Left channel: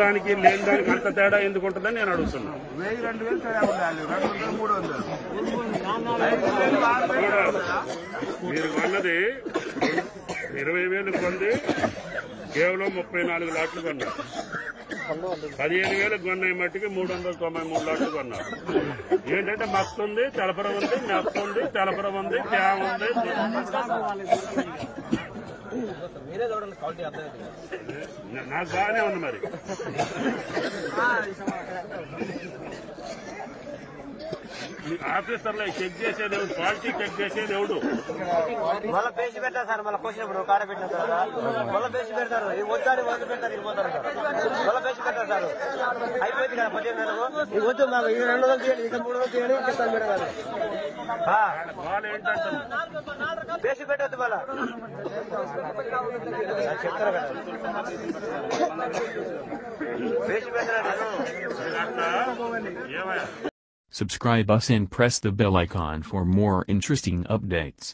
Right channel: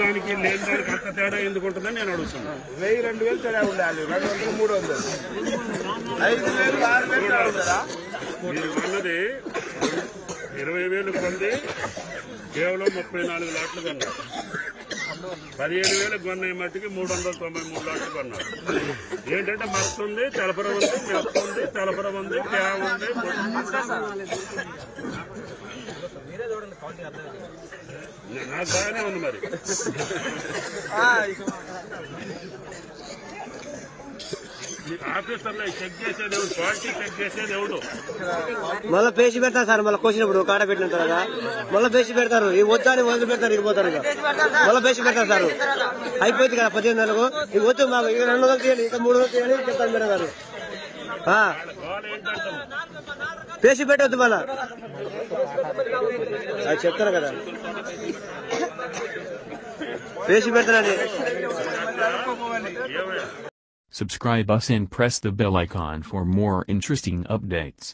దానికి లేని దానికి అంత తేడా ఎందుకు ఉంటుందని నేను అడుగుతున్నాను. 1000-2000 తేడా ఉండాలి. 200-300 5,000 6,000 తేడా ఉంటుందా? మీరు అన్నది 20,000 కొంది కేవలం 34 లాట్లు కొన్నారు. 15,000 కొన్నాయి మట్టికి 393 లాట్లు కొన్నారు. ఏంటంటే మస్తు ఉంది, తెలపరం ఉంది, మెత్త ఉంది, తెలపరం ఉంది, తేవ ఉంది. నాకు బాగానే ఉంది. మరి ఆఫీసర్లో చెక్ చేసేది ఎవడు? క్వాలిటీ చెక్ చేసేది ఎవడు? మళ్ళీ పేసి పెడతారు సార్. మళ్ళీ కోసినప్పుడు కాడ పెట్టిన తర్వాత మళ్ళీ పేసి పెడతారు. ఈ వద్దని వదిలి పెడతారు, ఇరిపోతారు. ఇక మళ్ళీ పేసి పెడతారు సార్. అయిపోయింది కదా 18,000. ఈ వద్దు మాకు ఇంకా 200 తీయాలి, ఇంకా 300 తీయాలి చెప్తాను మీరు గారు. పేసి పెట్టవద్దు మళ్ళా చెప్తారు కదా. పేసి పెడతారని. Subscribe us and press the bell icon for more interesting updates.